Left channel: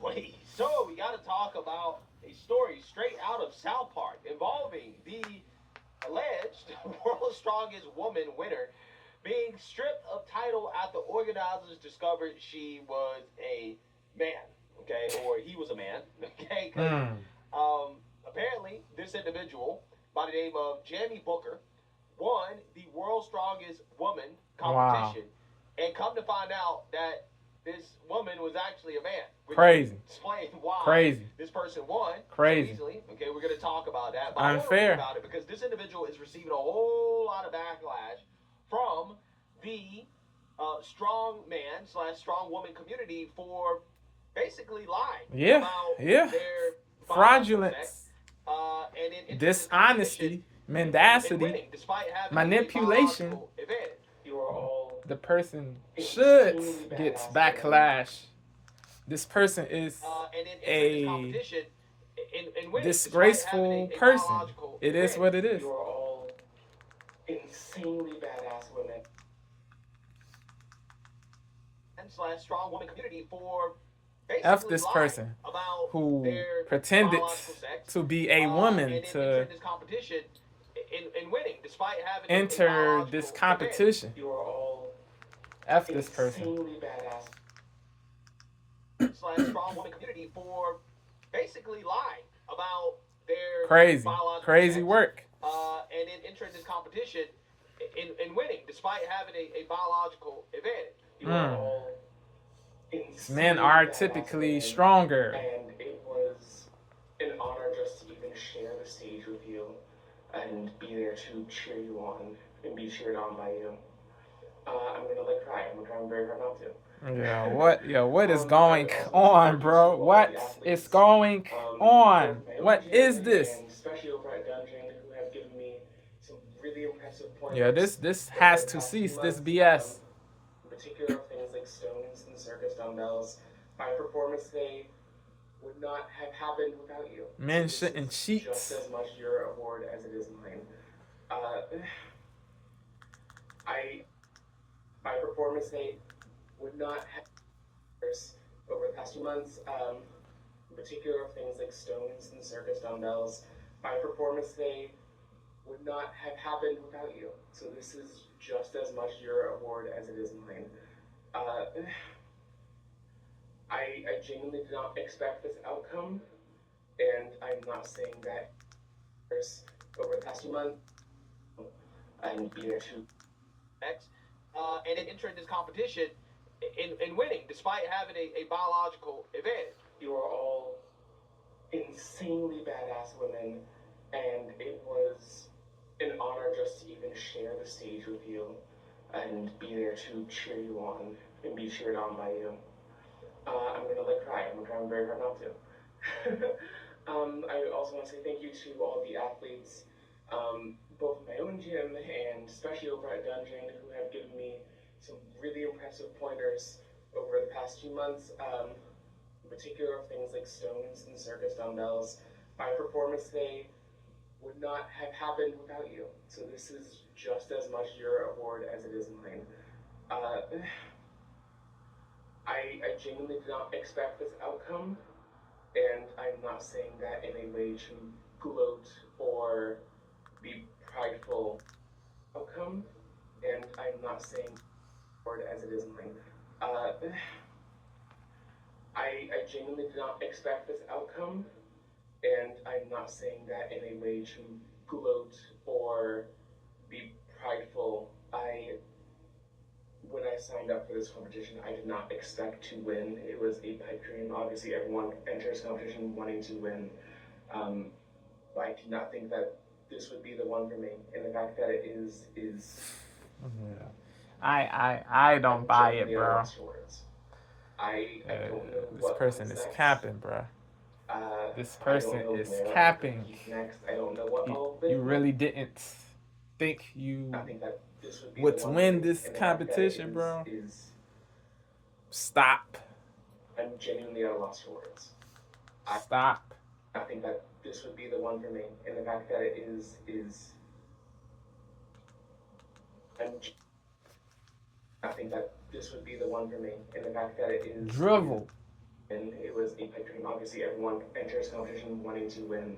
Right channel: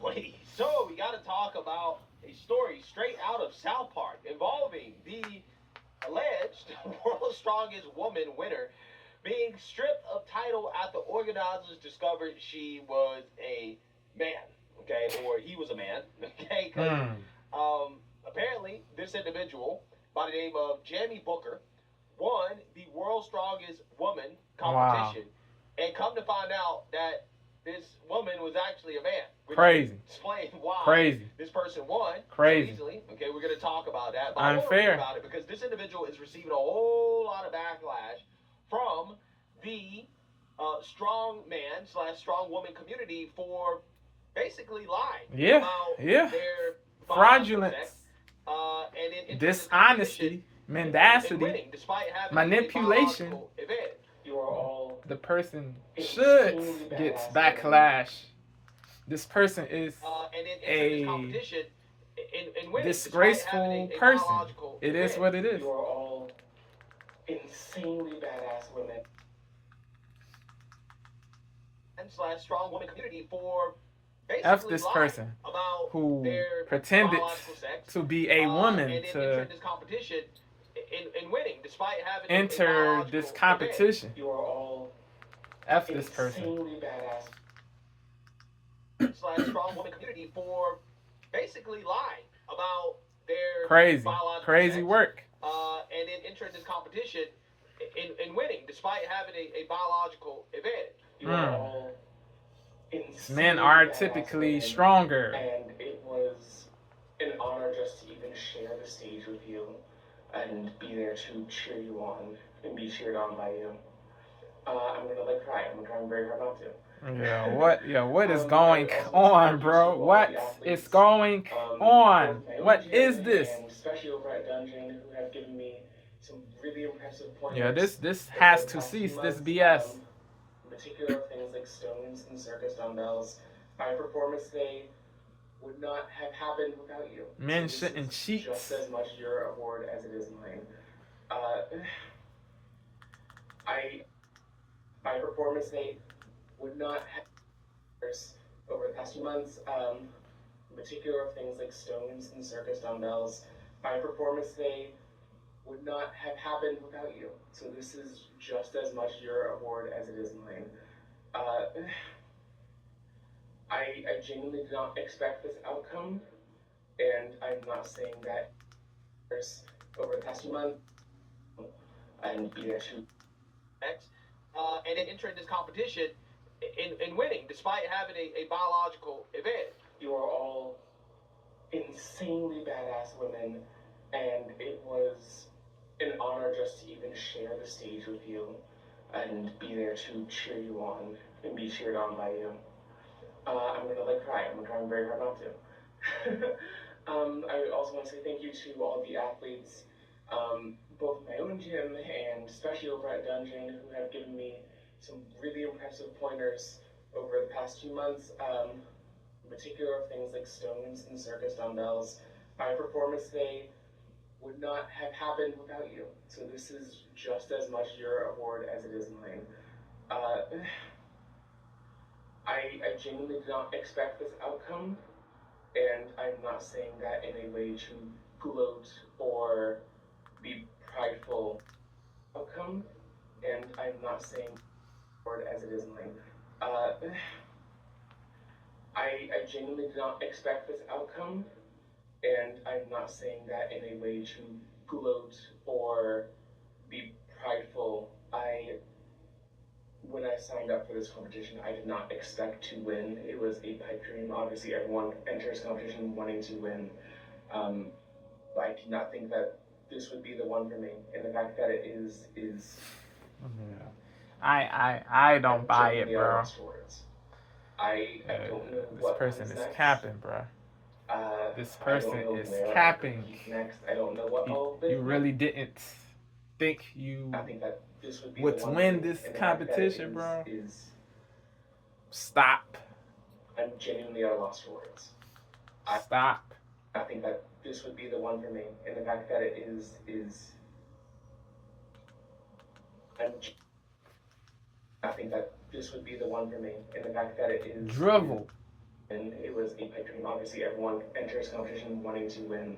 boy. So we got to talk about a story straight out of South Park involving the alleged world's strongest woman winner being stripped of title after organizers discovered she was a man, okay, or he was a man, okay, because apparently this individual by the name of Jamie Booker won the world's strongest woman competition, and come to find out that this woman was actually a man. Crazy. Explain why Crazy. this person won Crazy. so easily. Okay, we're going to talk about that. But Unfair. I want to read about it because this individual is receiving a whole lot of backlash from the strongman / strong woman community for basically lying about their fraudulence, and dishonesty, mendacity, manipulation. You are all the person should get backlash. This person is a disgraceful person. It is what it is. You are all insanely badass women. / strong woman community for F this person who pretended to be a woman to winning despite having enter this competition. You are all F this person. / strong woman community for basically lying about their crazy work. And then entering this competition and winning despite having a biological advantage. You are all men are typically stronger. And it was an honor just to even share the stage with you and be there to cheer you on and be cheered on by you. I'm gonna cry. I'm trying very hard not to. What is going on, bro? What is going on? What is this? And especially over at Dungeon, who have given me some really impressive pointers. This has to cease. This BS. In particular, things like stones and circus dumbbells. My performance today would not have happened without you. Men shouldn't cheat. Just as much your award as it is mine. My performance today would not have over the past few months. In particular, things like stones and circus dumbbells. My performance today would not have happened without you. So this is just as much your award as it is mine. I genuinely did not expect this outcome, and I'm not saying that over the past few months and be there to and then entering this competition and winning despite having a biological advantage. You are all insanely badass women, and it was an honor just to even share the stage with you and be there to cheer you on and be cheered on by you. I'm gonna cry. I'm trying very hard not to. I also want to say thank you to all the athletes, both in my own gym and especially over at Dungeon, who have given me some really impressive pointers over the past few months. In particular, things like stones and circus dumbbells. My performance today would not have happened without you. So this is just as much your award as it is mine. I genuinely did not expect this outcome, and I'm not saying that in a way to gloat or be prideful. Outcome, and I'm not saying award as it is mine. I genuinely did not expect this outcome, and I'm not saying that in a way to gloat or be prideful. When I signed up for this competition, I did not expect to win. It was a pipe dream. Obviously, everyone enters competition wanting to win. But I did not think that this would be the one for me. And the fact that it is. Yeah. I don't buy it, bro. I don't know this what person is next. Capping, bro. This I person don't know is where capping. Next. I don't know what You really didn't think you I think that this would be would the one win thing, this and the fact that competition, bro. Stop. I'm genuinely at a loss for words. Stop. I think that this would be the one for me, and the fact that it is I think that this would be the one for me, and the fact that it is drivel. And it was a pipe dream. Obviously, everyone enters competition wanting to win.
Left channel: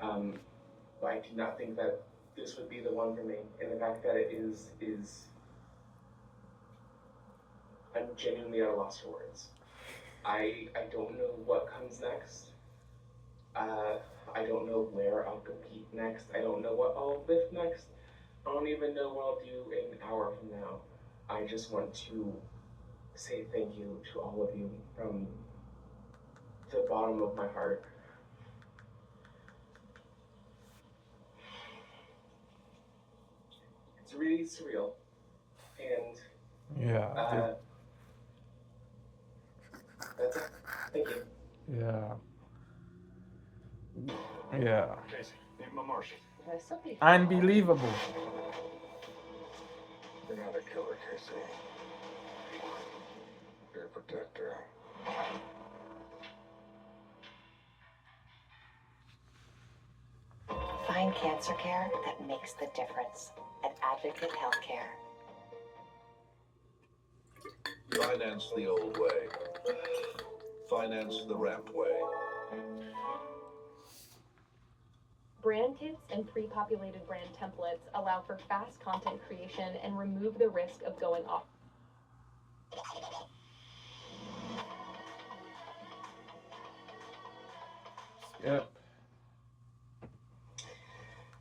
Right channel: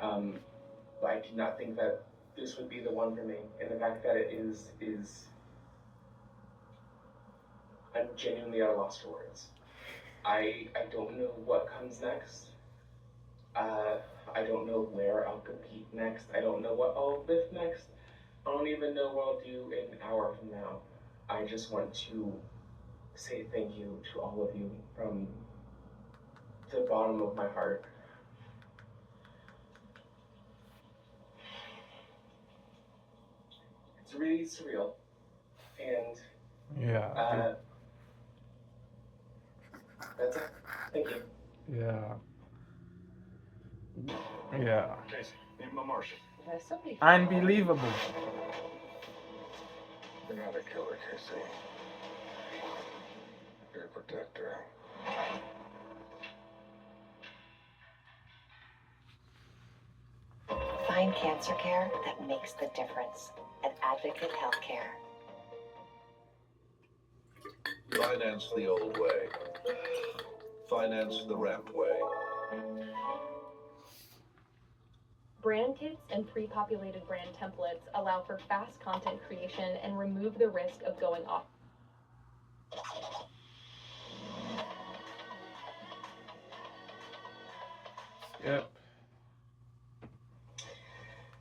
But I did not think that this would be the one for me. And the fact that it is I'm genuinely at a loss for words. I don't know what comes next. I don't know where I'll compete next. I don't know what I'll lift next. I don't even know what I'll do an hour from now. I just want to say thank you to all of you from the bottom of my heart. It's really surreal. And Yeah. that's it. Thank you. Yeah. Yeah. Casey, need my Marshall. Unbelievable. You're not a killer, Casey. You're a protector. Find cancer care that makes the difference at Advocate Healthcare. Finance the old way. Finance the ramp way. Brand kits and pre-populated brand templates allow for fast content creation and remove the risk of going off. Yep.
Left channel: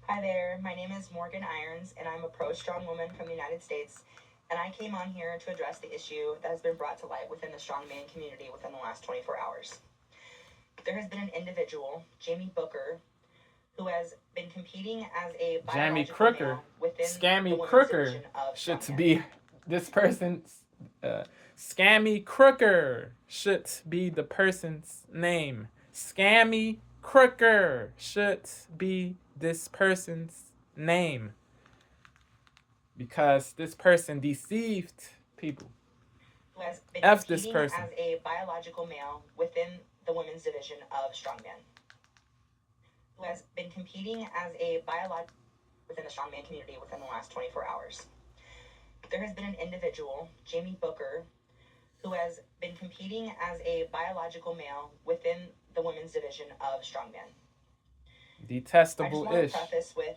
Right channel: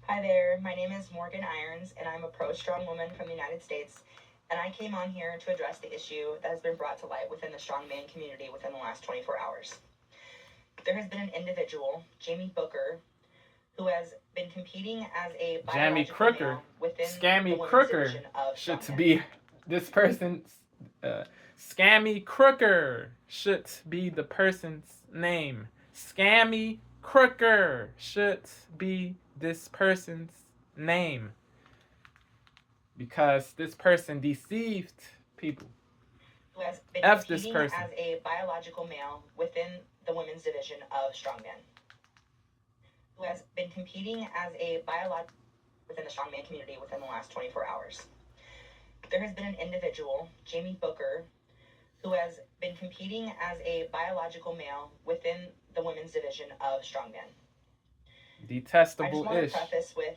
Hi there, my name is Morgan Irons, and I'm a pro-strong woman from the United States, and I came on here to address the issue that has been brought to light within the strongman community within the last 24 hours. There has been an individual, Jamie Booker, who has been competing as a biological CROOker, male within SCAMmie the women's CROOker division of should strongman. be this person's SCAMmie CROOker should be the person's name. SCAMmie CROOker should be this person's name, because this person deceived people. Who has been F this competing person. as a biological male within the women's division of strongman. Who has been competing as a biological within the strongman community within the last 24 hours. There has been an individual, Jamie Booker, who has been competing as a biological male within the women's division of strongman. I just Detestable want to ish. preface with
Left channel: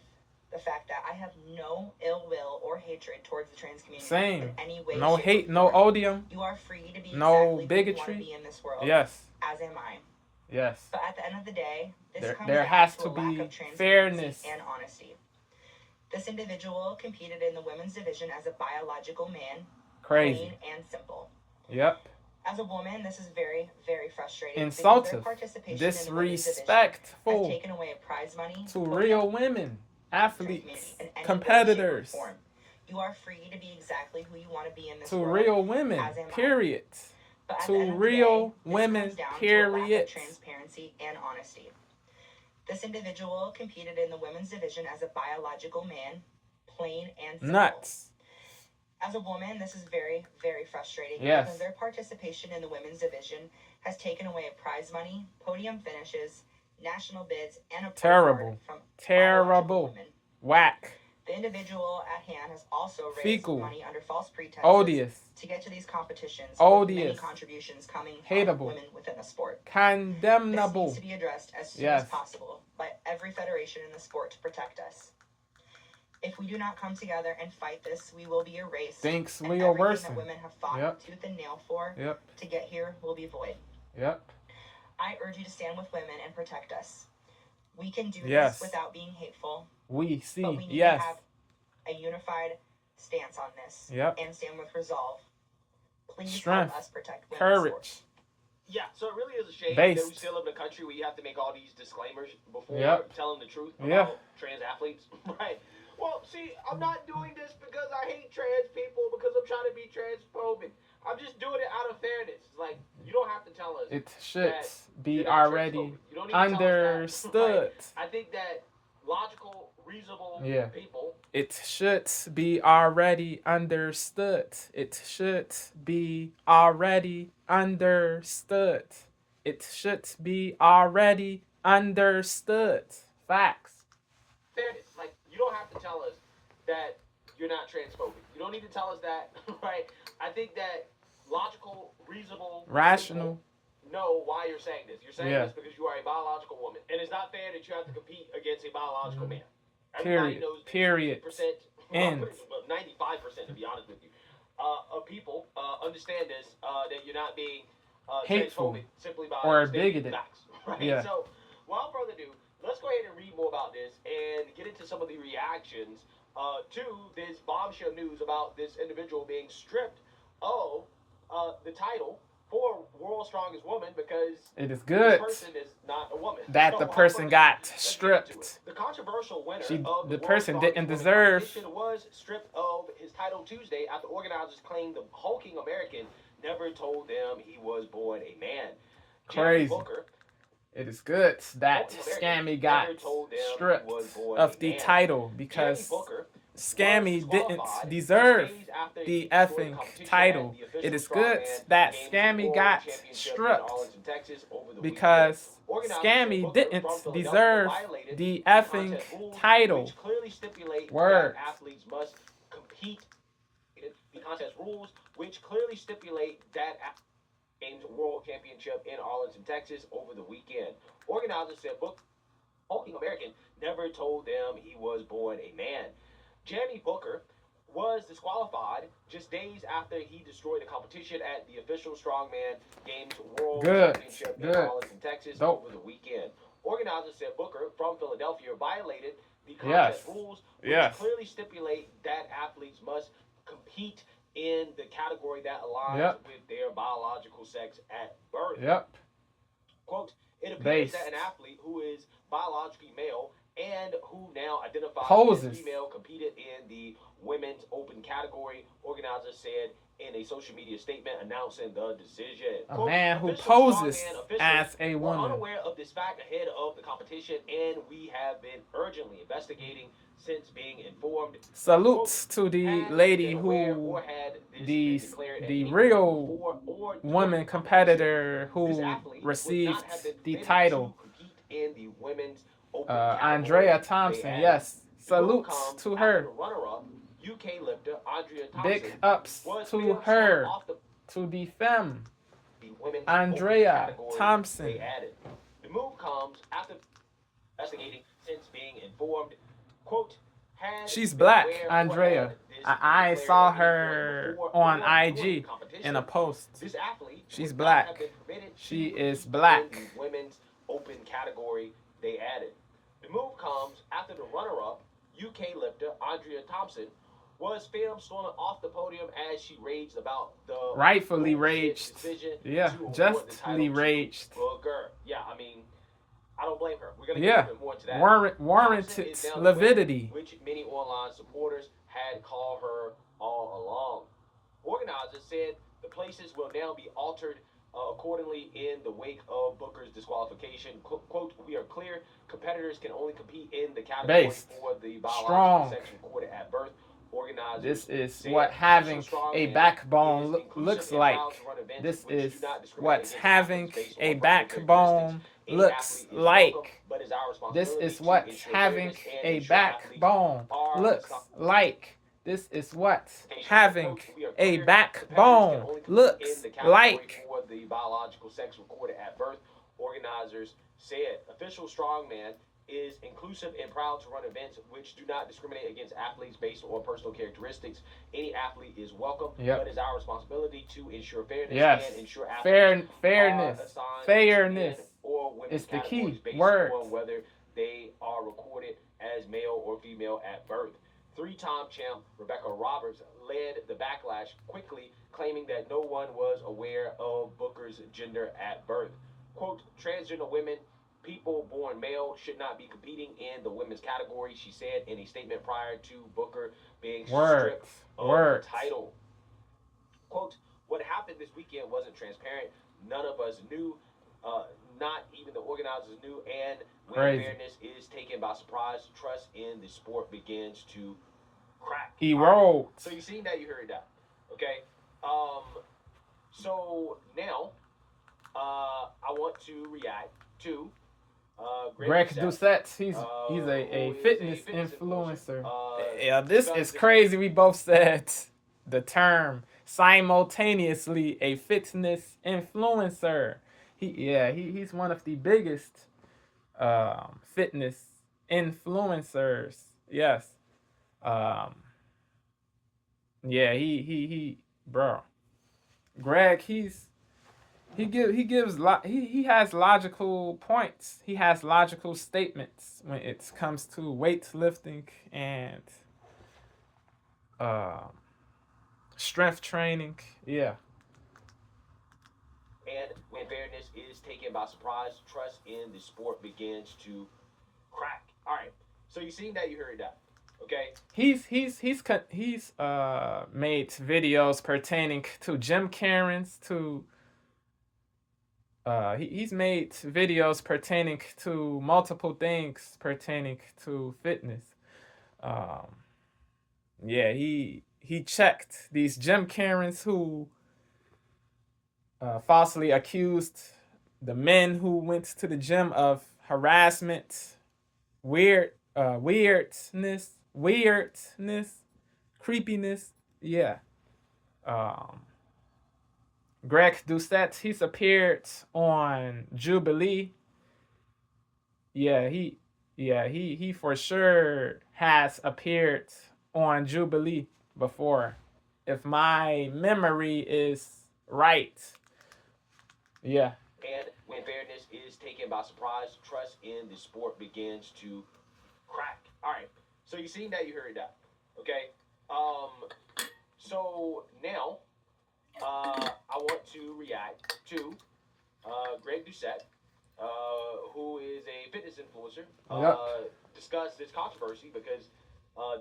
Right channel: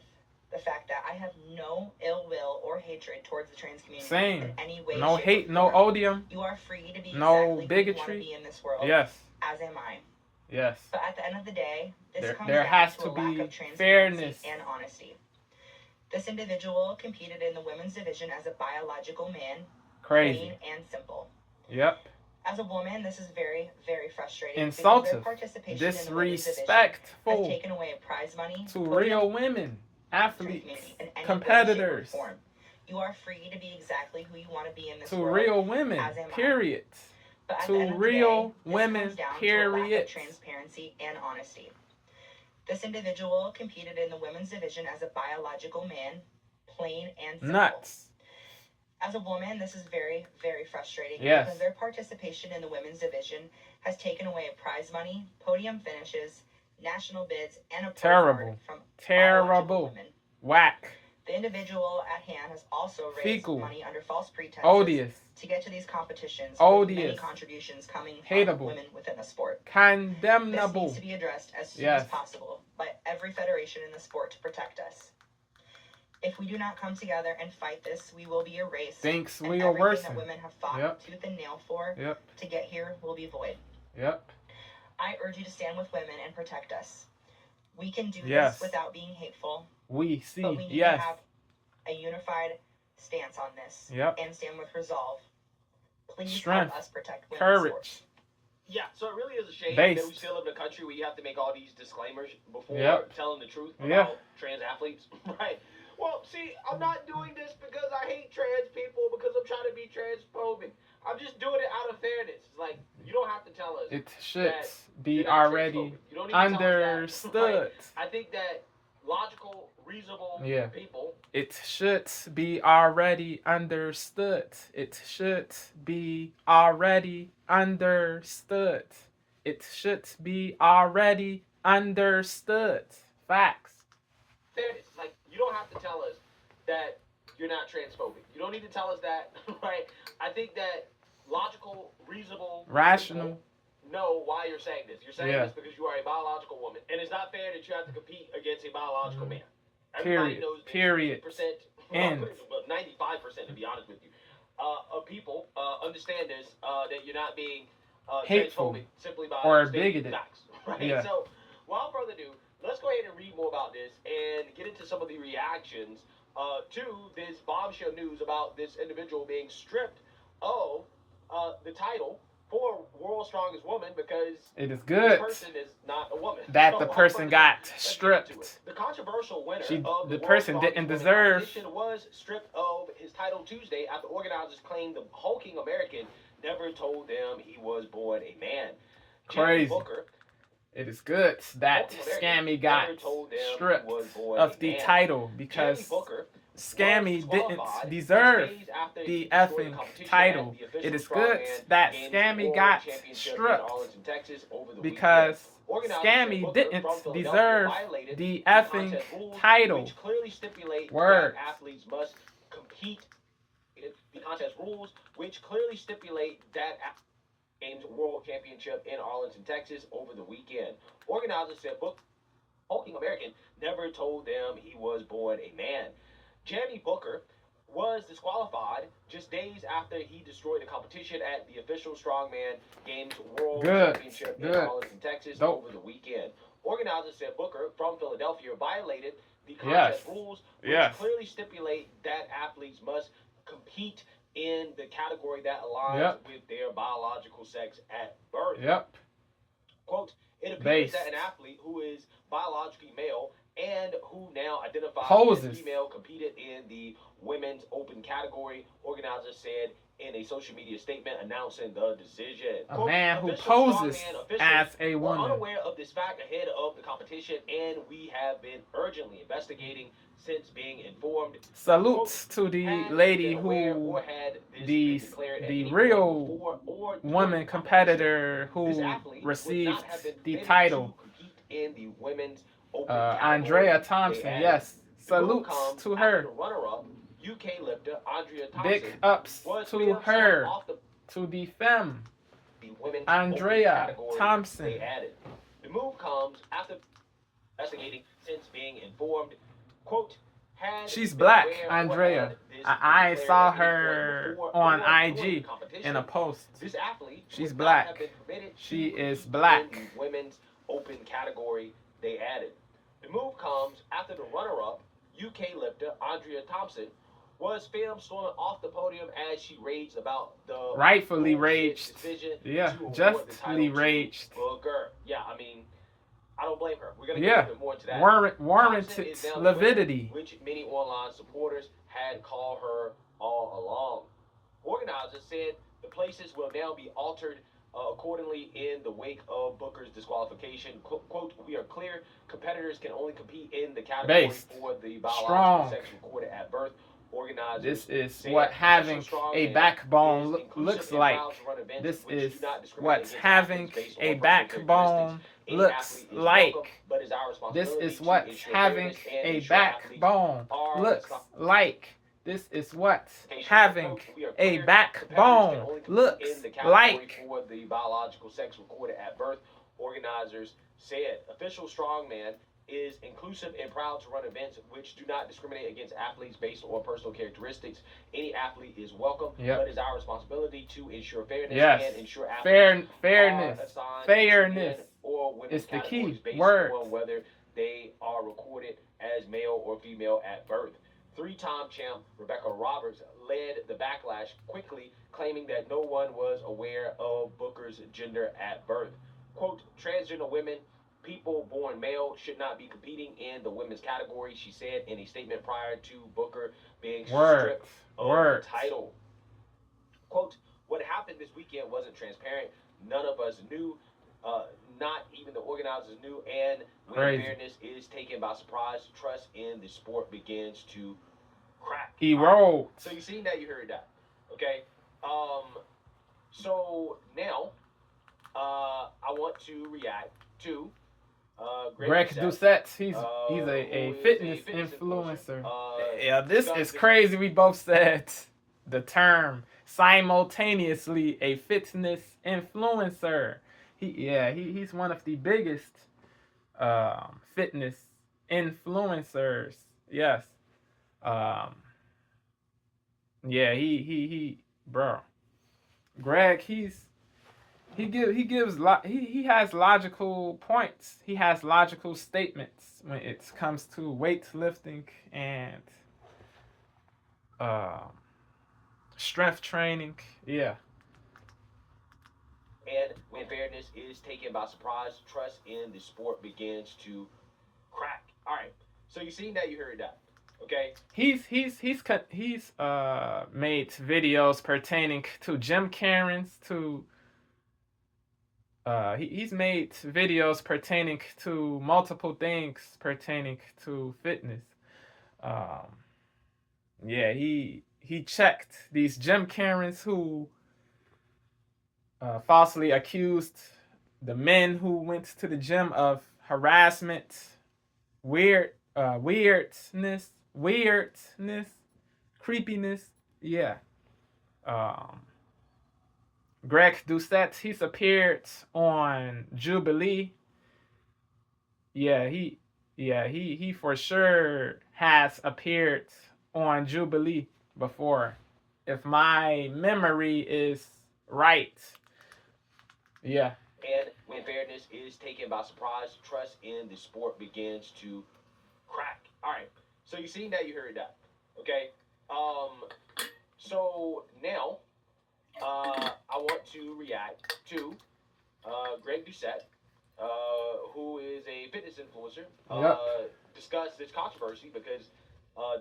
the fact that I have no ill will or hatred towards the trans community Same. in any way, No shape, hate, or no form. odium. You are free to be No exactly who you want to bigotry. be in this world, Yes. as am I. Yes. But at the end of the day, this comes There down has to to a lack be of transparency fairness. and honesty. This individual competed in the women's division as a biological man, Crazy. plain and simple. Yep. As a woman, this is very, very frustrating. because Insultive. their participation in the women's division has Disrespectful taken away prize money, to podium, real women, trans athletes, community in any way, shape, or competitors, form. You are free to be exactly who you want to be in this to world, real women, as am I. period. But at to the end of the real day, this women, comes down to a lack period. of transparency and honesty. This individual competed in the women's division as a biological man, plain and simple. Nuts. As a woman, this is very, very frustrating Yes. because their participation in the women's division has taken away prize money, podium finishes, national bids, and a pro Terrible. card from biological Terrible. women. Whack. The individual at hand has also raised Fecal. money under false pretenses Odious. to get to these competitions, with Odious. many contributions coming from Hateable. women within the sport. This Condemnable. needs to be addressed as soon Yes. as possible by every federation in the sport to protect us. If we do not come together and fight this, we will be erased. Thinks and we are everything worse. that women have fought Yep. tooth and nail for Yep. to get here will be void. Yep. I urge you to stand with women and protect us. We can do Yes. this without being hateful, We see. but we need Yes. to have a unified stance on this Yep. and stand with resolve. Please Strength. help us protect women's Courage. sports. Yeah, so it really is a shame Based. that we still live in a country where you have to make all these disclaimers before Yep. telling the truth about Yeah. trans athletes, right? Well, see, I'm not doing this because I hate trans people, because I'm trying to be transphobic. I'm just doing it out of fairness. It's like, you don't have to tell us. It should that be you're not already transphobic. You don't need to tell us that, understood. right? I think that logical, reasonable Yeah. people. It should be already understood. It should be already understood. It should be already understood. Facts. Fairness. Like, you don't have to tell us that you're not transphobic. You don't need to tell us that, right? I think that logical, reasonable, Rational. people know why you're saying this. You're saying Yeah. this because you are a biological woman, and it's not fair that you have to compete against a biological man. Everybody Period. knows that Period. 50%, End. 95% to be honest with you, of people understand this, that you're not being Hateful transphobic simply by or stating bigoted. facts. Right? Yeah. So, without further ado, let's go ahead and read more about this and get into some of the reactions to this bombshell news about this individual being stripped of the title for World's Strongest Woman because It is this good person is not a woman. that So, the without person further got ado, let's get into stripped. it. The controversial winner She- of the World's person Strongest didn't Woman deserve- competition was stripped of his title Tuesday after organizers claimed the hulking American never told them he was born a man. Crazy. Jimmy Booker, It is good that hulking American, SCAMmie got never told them he stripped was born of a the man. title Jimmy because Booker SCAMmie was didn't disqualified deserve just days after the he destroyed effing competition title. at the official It is good Strongman that Games SCAMmie World got Championship in stripped Arlington, Texas over the because weekend. Organizers said SCAMmie Booker didn't from Philadelphia deserve violated the contest effing rules, title. which clearly stipulate Word. that athletes must compete. The contest rules, which clearly stipulate that Games World Championship in Arlington, Texas over the weekend. Organizers said Booker, hulking American, never told them he was born a man. Jamie Booker was disqualified just days after he destroyed the competition at the official Strongman Games World Good. Championship in Good. Arlington, Texas Dope. over the weekend. Organizers said Booker from Philadelphia violated the Yes. contest rules, which Yes. clearly stipulate that athletes must compete in the category that aligns Yep. with their biological sex at birth. Yep. Quote, it appears Based. that an athlete who is biologically male and who now identifies Poses. as female competed in the women's open category, organizers said in a social media statement announcing the decision. A Quote, man who official poses Strongman officials as a were woman. unaware of this fact ahead of the competition, and we have been urgently investigating since being informed. Salutes to the Had lady been aware who or had this the been declared at the any real point before or during woman the competitor This who athlete would received not have been the permitted title, to compete in the women's open Andrea category. Thompson. They added, Yes, the move salutes comes to after her. the runner-up UK lifter Andrea Thompson Big ups was to filmed her, off to the femme, the women's Andrea open category Thompson. They added. The move comes after investigating since being informed. Quote, had She's been black, aware or Andrea. had this I been saw declared at any her point before on or during IG the competition. in a post. This athlete She's would black. not have been permitted She to is compete black. in the women's open category they added. The move comes after the runner-up UK lifter Andrea Thompson was filmed storming off the podium as she raged about the Rightfully bullshit raged. decision Yeah, to award the justly title to raged. Booker. Yeah, I mean, I don't blame her. We're gonna Yeah. get a bit more into that. Warranted Thompson is now the winner, lividity. which many online supporters had called her all along. Organizers said the places will now be altered accordingly in the wake of Booker's disqualification. Quote, we are clear, competitors can only compete in the category Based. for the biological Strong. sex recorded at birth. Organizers This is said what having official Strongman a backbone is inclusive looks and like. proud to run events This which is do not discriminate what against having athletes based a on personal backbone characteristics. Any looks athlete is like. welcome, but it's our This responsibility is to what ensure having fairness and a ensure athletes backbone are looks responsible. like. This is what having We are a clear, competitors can backbone only compete looks in the category like. for the biological sex recorded at birth. Organizers said official Strongman is inclusive and proud to run events which do not discriminate against athletes based on personal characteristics. Any athlete is welcome, Yep. but it's our responsibility to ensure fairness Yes. and ensure athletes Fairness. are assigned Fairness to men or women's is the key categories based word. on whether they are recorded as male or female at birth. Three-time champ Rebecca Roberts led the backlash quickly, claiming that no one was aware of Booker's gender at birth. Quote, transgender women, people born male, should not be competing in the women's category, she said in a statement prior to Booker being stripped of the title. Quote, what happened this weekend wasn't transparent. None of us knew. Not even the organizers knew. And when Crazy. fairness is taken by surprise, trust in the sport begins to crack. Erode. So you see that, you heard that. Okay. So now, I want to react to Greg Doucette. He's who a is fitness a fitness influencer. influencer. Yeah, this is crazy. We both said the term simultaneously, a fitness influencer. he's one of the biggest fitness influencers. Yes. Um, yeah, bro. Greg, he has logical points. He has logical statements when it comes to weightlifting and strength training. Yeah. And when fairness is taken by surprise, trust in the sport begins to crack. All right. So you seen that, you heard that. Okay. He's made videos pertaining to gym Karens, to he's made videos pertaining to multiple things pertaining to fitness. Yeah, he checked these gym Karens who falsely accused the men who went to the gym of harassment, weirdness, creepiness. Yeah. Greg Doucette, he's appeared on Jubilee. Yeah, he for sure has appeared on Jubilee before, if my memory is right. Yeah. And when fairness is taken by surprise, trust in the sport begins to crack. All right. So you seen that, you heard that. Okay. So now, I want to react to Greg Doucette, who is a fitness influencer. Discuss this controversy because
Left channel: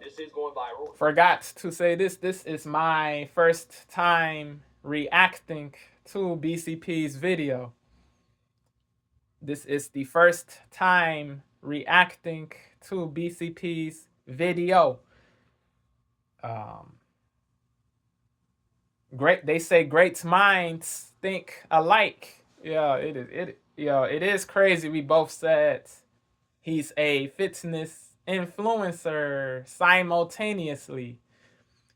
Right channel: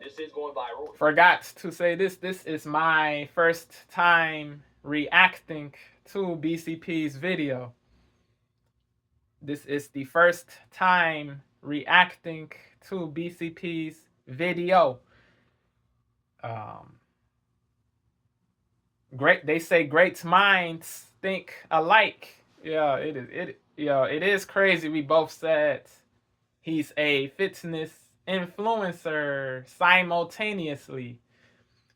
this is going viral. Forgot to say this. This is my first time reacting to BCP's video. This is the first time reacting to BCP's video. Great. They say great minds think alike. Yeah, it is crazy. We both said he's a fitness influencer simultaneously.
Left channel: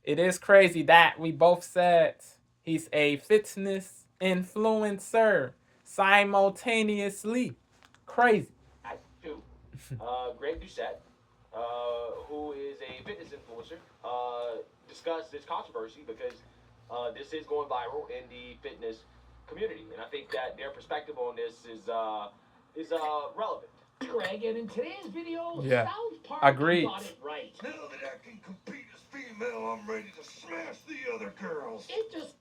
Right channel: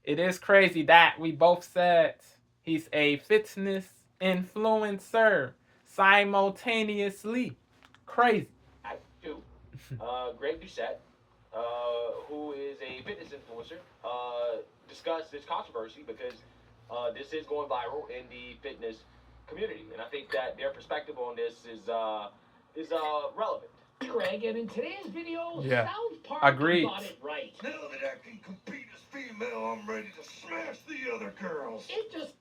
It is crazy that we both said he's a fitness influencer simultaneously. Crazy. To Greg Doucette, who is a fitness influencer, discuss this controversy because this is going viral in the fitness community, and I think that their perspective on this is relevant. Greg, and in today's video, Yeah. South Park Agreed. got it right. Now that I can compete as female, I'm ready to smash the other girls. It just...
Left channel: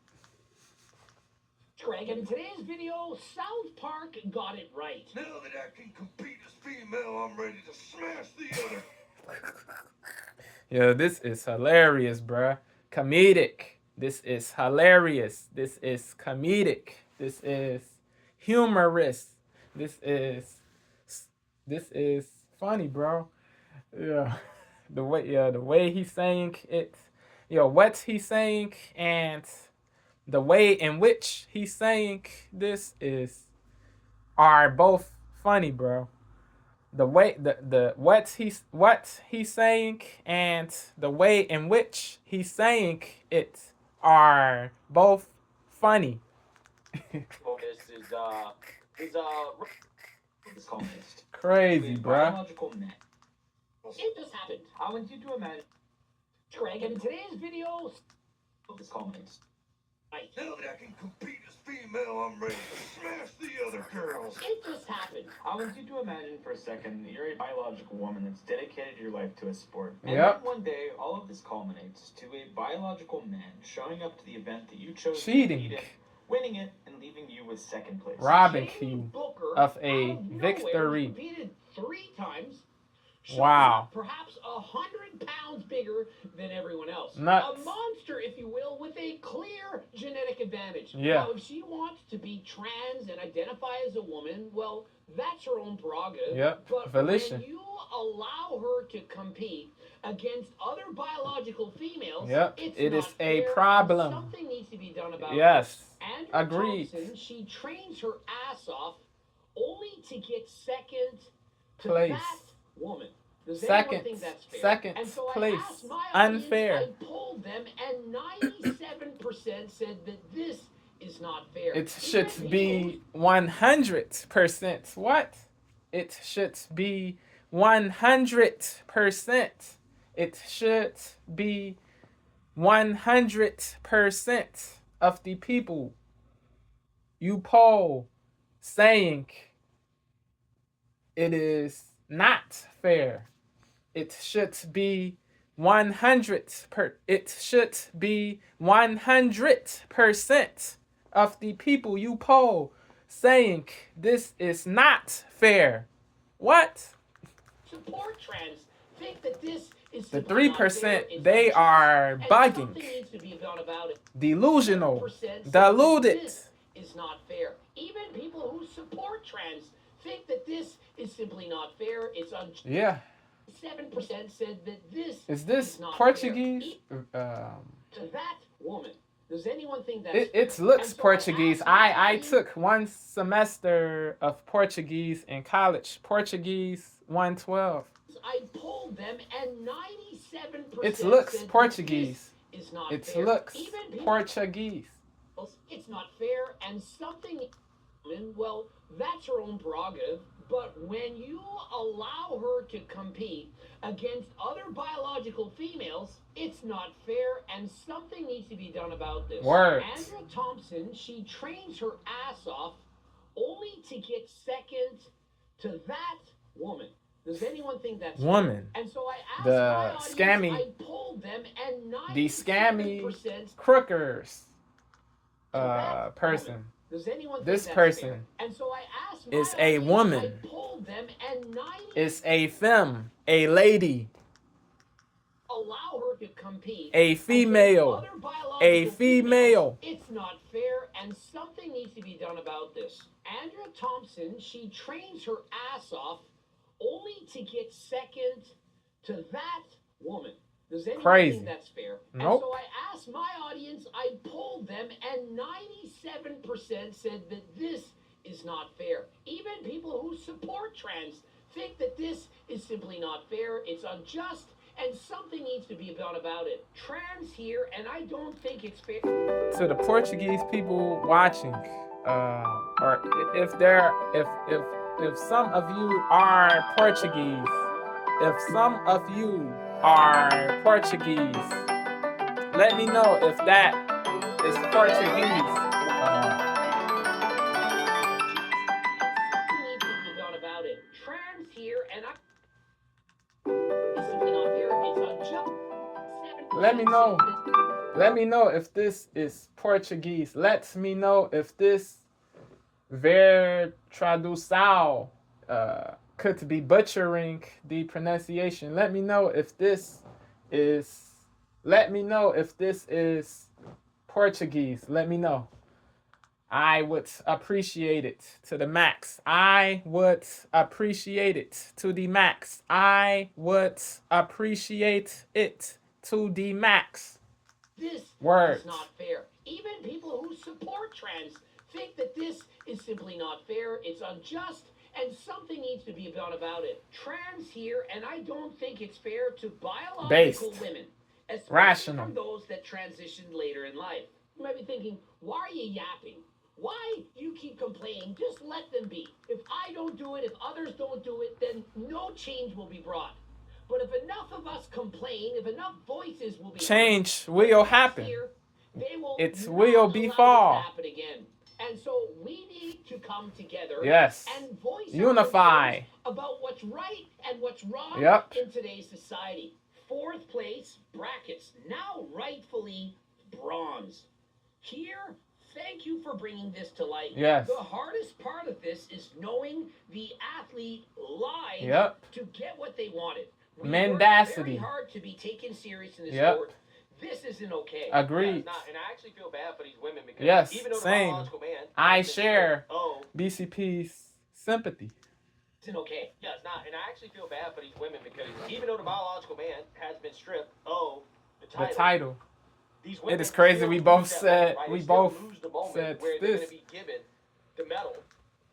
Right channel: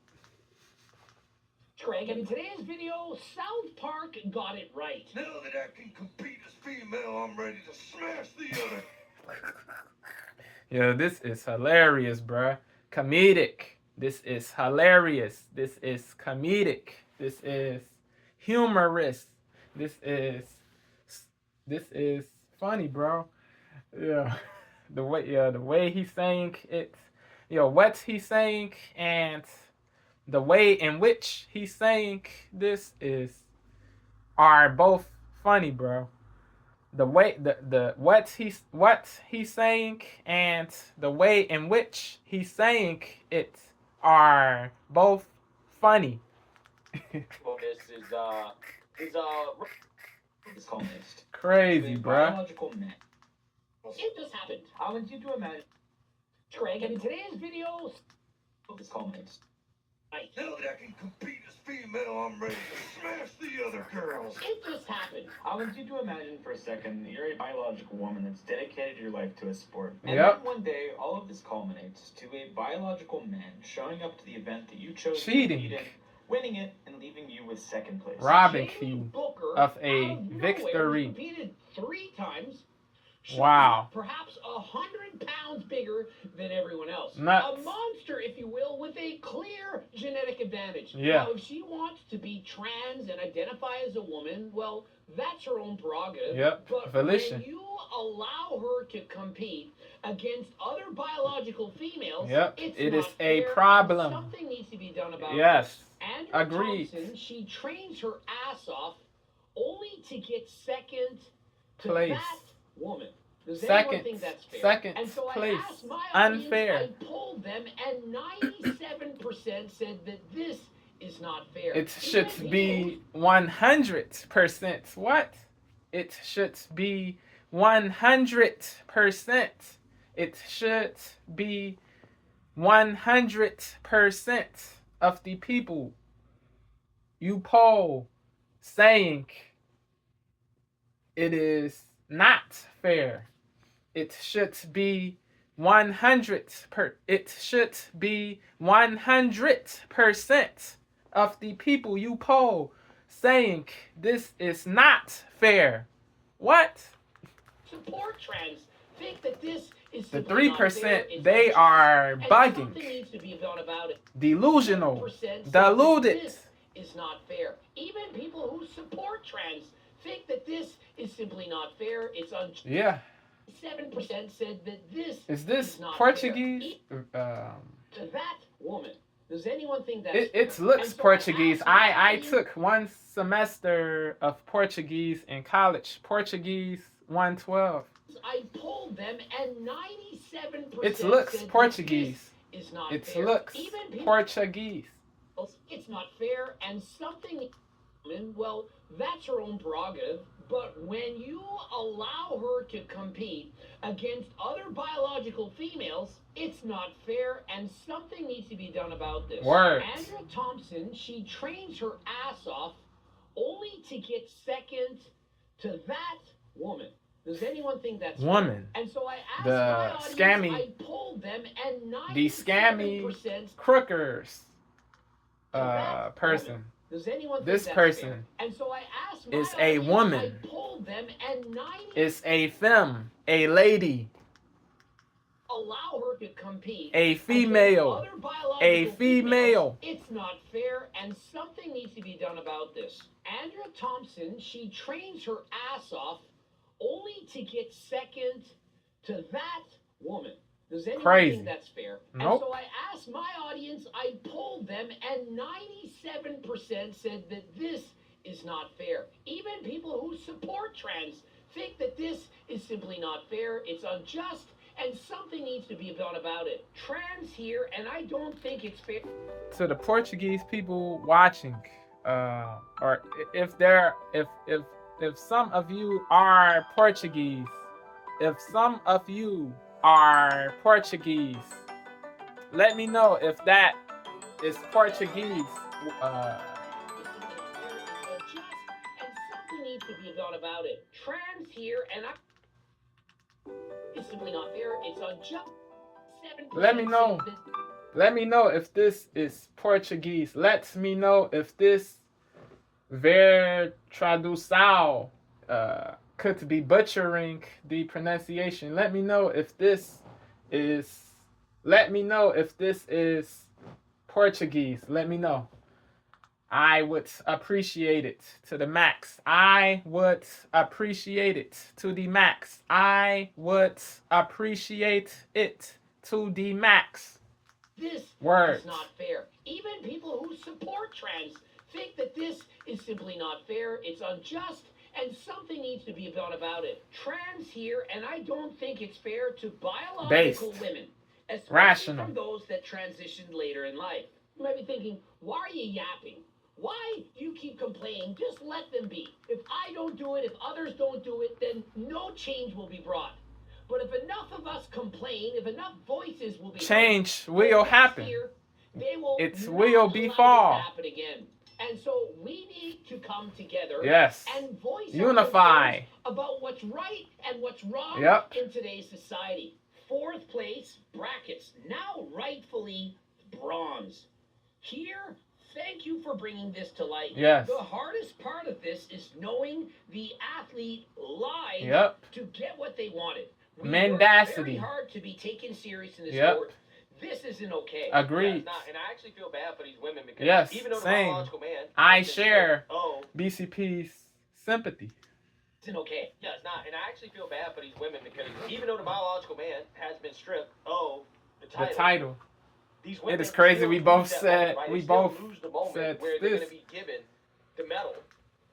Greg, and in today's video, South Park got it right. Now that I can compete as female, I'm ready to smash the other. Yeah, this is hilarious, bruh. Comedic. This is hilarious. This is comedic. This is humorous. This is funny, bro. Yeah. The way he's saying it, what he's saying and the way in which he's saying this are both funny, bro. The way what he's saying and the way in which he's saying it are both funny. Well, this is crazy, bro. Biological men. It just happened. I want you to imagine. Greg, and in today's video, this culminates. Right. Now that I can compete as female, I'm ready to smash the other girls. It just happened. I want you to imagine for a second that you're a biological woman that's dedicated your life to a sport. And then one day, all of this culminates to a biological man showing up to the event that you chose to compete in, winning it, and leaving you with second place. Robbing you of a victory. Competed 3 times. Wow. Perhaps 100 pounds bigger than everyone else. Nuts. A monster, if you will, with a clear genetic advantage. Yeah. Now, if she wants to be trans and identify as a woman, well, that's her own prerogative. Yep. But Volition. when you allow her to compete against other biological females, it not is a fair. problem. Something needs to be done about it. Yes. Andrea Agreed. Thompson, she trains her ass off only to get second to Place. that woman. Does Second. anyone think that's fair? Second and so place. I asked my Unfair. audience, I polled them, and 97% said that this is not fair. It should be 100%. What? It should be 100%. It should be 100% of the people you poll saying it is not fair. It should be 100% of the people you poll saying this is not fair. What? Support trends think that this is The simply not fair. 3%, It's they unjust, are and bugging, something needs to be done about it. delusional, 7% say that deluded. This is not fair. Even people who support trends think that this is simply not fair. It's unjust. Yeah. 7% said that this Is this is not Portuguese? fair. To that woman, does anyone think that's It fair? looks And so Portuguese. I I took one semester of Portuguese in college. Portuguese 112. I polled them, and 97% It looks said Portuguese. This is not It fair. looks Even people, Portuguese. it's not fair, and something, well, that's her own prerogative. But when you allow her to compete against other biological females, it's not fair, and something needs to be done about this. Word. Andrea Thompson, she trains her ass off only to get second to that woman. Does anyone think that's Woman. fair? And so I asked The my audience, SCAMmie. I polled them, and The SCAMmie 97% CROOkers that person. woman. Does anyone think This that's person fair? And so I asked my is a audience, woman. I polled them, and 90 Is a femme, a lady, allow her to compete. a against female, other biological a female. females. It's not fair, and something needs to be done about this. Andrea Thompson, she trains her ass off only to get second to that woman. Does anyone Crazy. think that's fair? Nope. And so I asked my audience, I polled them, and 97% said that this is not fair. Even people who support trans think that this is simply not fair. It's unjust, and something needs to be done about it. Trans here, and I don't think it's fair. To the Portuguese people watching, or if some of you are Portuguese, if some of you are Portuguese, let me know if that is Portuguese. Something needs to be done about it. Trans here, and it's simply not fair. It's unjust. Let me know. Let me know if this is Portuguese. Let me know if this ver tradução could be butchering the pronunciation. Let me know if this is Portuguese. Let me know. I would appreciate it to the max. I would appreciate it to the max. I would appreciate it to the max. This Words. is not fair. Even people who support trans think that this is simply not fair. It's unjust, and something needs to be done about it. Trans here, and I don't think it's fair to biological women, especially Rational. from those that transitioned later in life. You might be thinking, why are you yapping? Why you keep complaining? Just let them be. If I don't do it, if others don't do it, then no change will be brought. But if enough of us complain, if enough voices will be Change heard, will next happen. year, they will It not will be allow fall. this to happen again. And so we need to come together Yes. and voice Unify. our concerns about what's right and what's wrong Yep. in today's society. Fourth place, brackets, now rightfully bronze. Here, thank you for bringing this to light. Yes. The hardest part of this is knowing the athlete lied Yep. to get what they wanted. We Mendacity. work very hard to be taken serious in this Yep. sport. This isn't okay. Agreed. Yeah, it's not, and I actually feel bad for these women because Yes, even though the same. biological man, I has been share stripped, oh, BCP's sympathy. Isn't okay. yeah, it's not, and I actually feel bad for these women because even though the biological man has been stripped of the The title. these women It is crazy. still We lose both that said moment, right? we They still both lose the moment said where they're going this. to be given the medal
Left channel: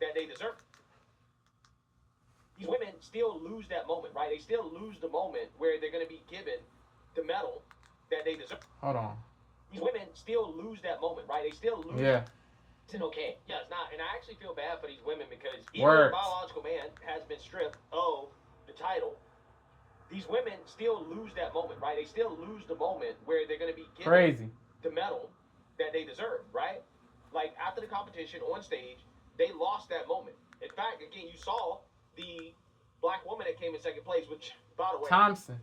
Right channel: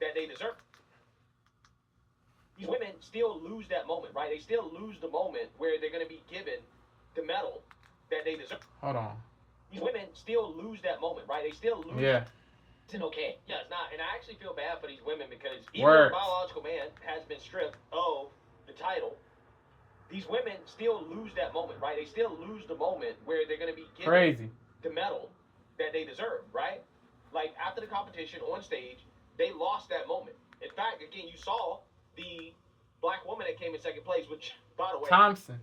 that they deserve. These women still lose that moment, right? They still lose the moment where they're going to be given the medal that they deserve. Hold on. these women still lose that moment, right? They still lose. Yeah. It's okay. Yeah, it's not. And I actually feel bad for these women because even though the biological man has been stripped of the title, these women still lose that moment, right? They still lose the moment where they're going to be given the medal that they deserve, right? Like after the competition on stage, they lost that moment. In fact, again, you saw the black woman that came in second place, which, by the way, Thompson.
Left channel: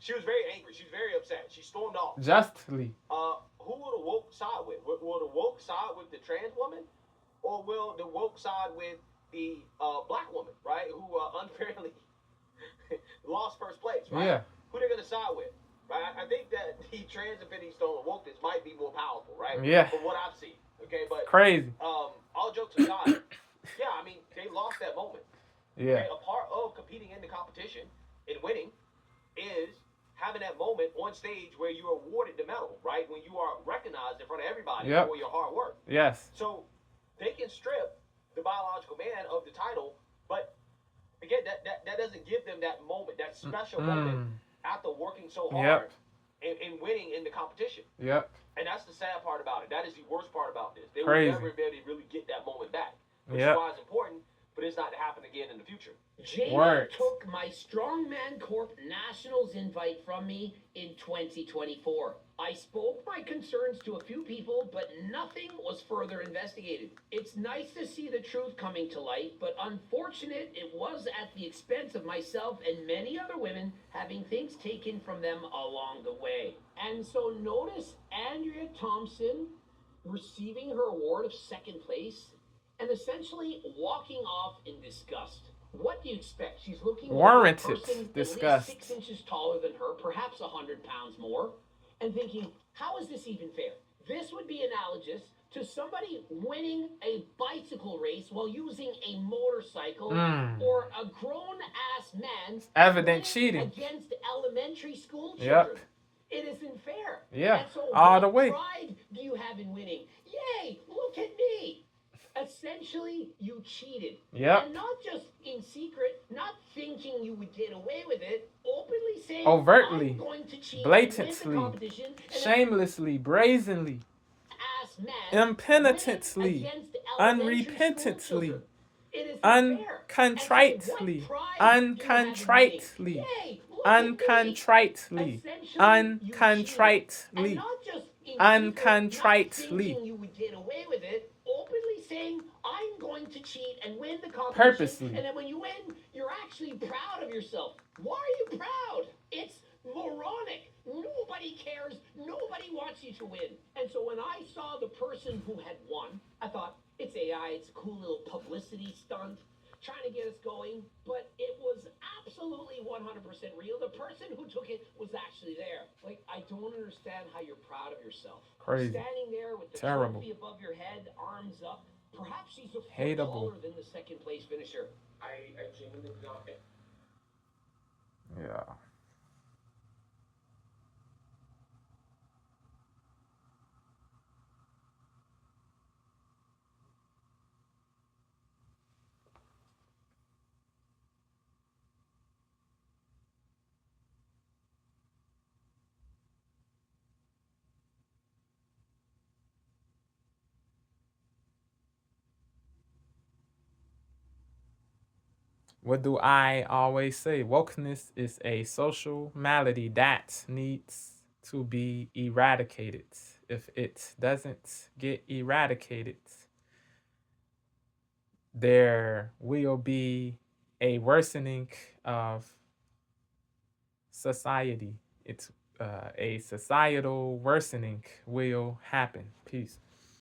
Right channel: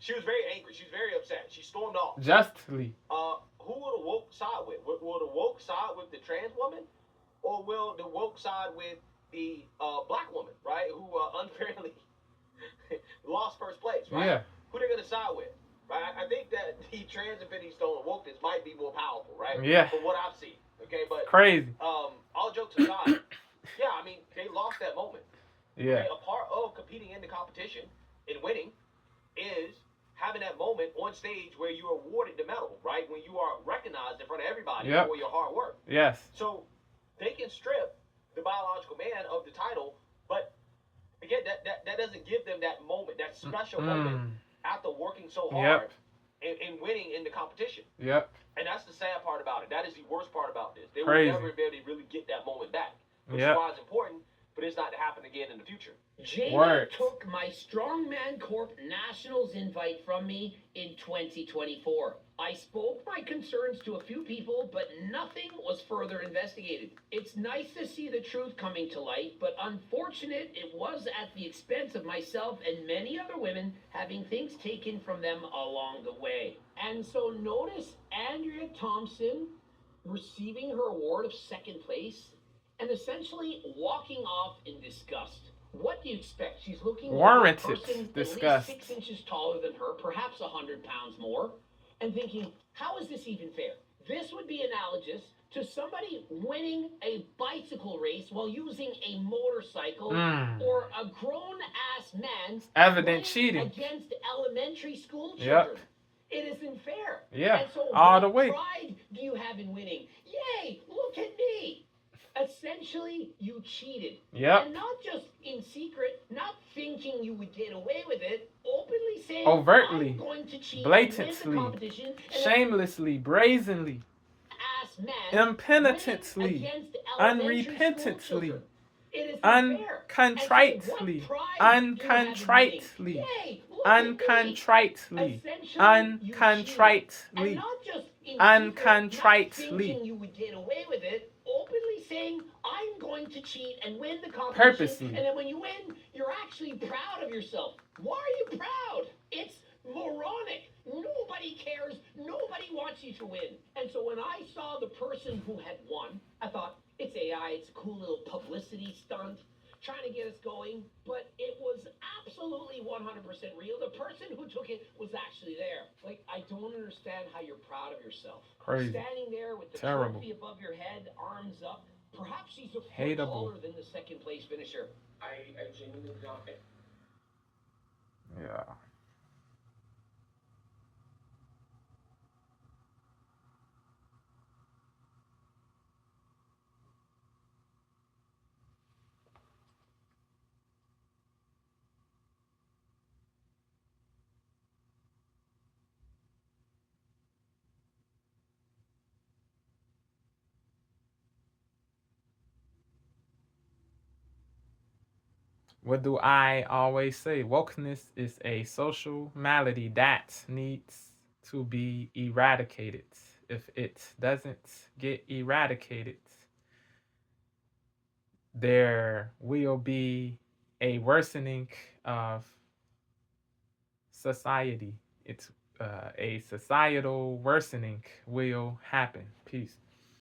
She was very angry. She was very upset. She stormed off. Justly. Who will the woke side with? Will the woke side with the trans woman, or will the woke side with the black woman, right? Who unfairly lost first place, right? Yeah. Who they're gonna side with, right? I think that the trans Infinity Stone and wokeness might be more powerful, right? Yeah. From what I've seen, okay, but crazy. All jokes aside, yeah, I mean they lost that moment. Yeah. Okay? A part of competing in the competition and winning is having that moment on stage where you're awarded the medal, right? When you are recognized in front of everybody for your hard work. Yes. So they can strip the biological man of the title, but again, that doesn't give them that moment, that special moment after working so hard and winning in the competition. Yep. And that's the sad part about it. That is the worst part about this. They Crazy. will never be able to really get that moment back, which is why it's important for this not to happen again in the future. Jamie took my Strongman Corp Nationals invite from me in 2024. I spoke my concerns to a few people, but nothing was further investigated. It's nice to see the truth coming to light, but unfortunate it was at the expense of myself and many other women having things taken from them along the way. And so notice Andrea Thompson receiving her award of second place and essentially walking off in disgust. What do you expect? She's looking at a person at least 6 inches taller than her, perhaps 100 pounds more, and thinking, how is this even fair? This would be analogous to somebody winning a bicycle race while using a motorcycle, or a grown-ass man evident cheating against elementary school children. It isn't fair. Yeah, and so all the way. What pride do you have in winning? Yay, look at me. Essentially, you cheated. And not just in secret, not thinking you would get away with it, openly saying, overtly, I'm going to cheat, blatantly, win the competition, shamelessly, brazenly, impenitently, unrepentantly, uncontritely, uncontritely, uncontritely, uncontritely, uncontritely. You would get away with it, openly saying, I'm going to cheat and win the competition. Purposely. And then when you win, you're actually proud of yourself. Why are you proud? It's moronic. Nobody cares. Nobody wants you to win. And so when I saw the person who had won, I thought, it's AI. It's a cool little publicity stunt trying to get us going. But it was absolutely 100% real. The person who took it was actually there. Like, I don't understand how you're proud of yourself. Crazy. Standing there with the trophy above your head, arms up. Perhaps she's a foot taller than the second place finisher. I genuinely do not. Yeah. What do I always say? Wokeness is a social malady that needs to be eradicated. If it doesn't get eradicated, there will be a worsening of society. It's a societal worsening will happen. Peace.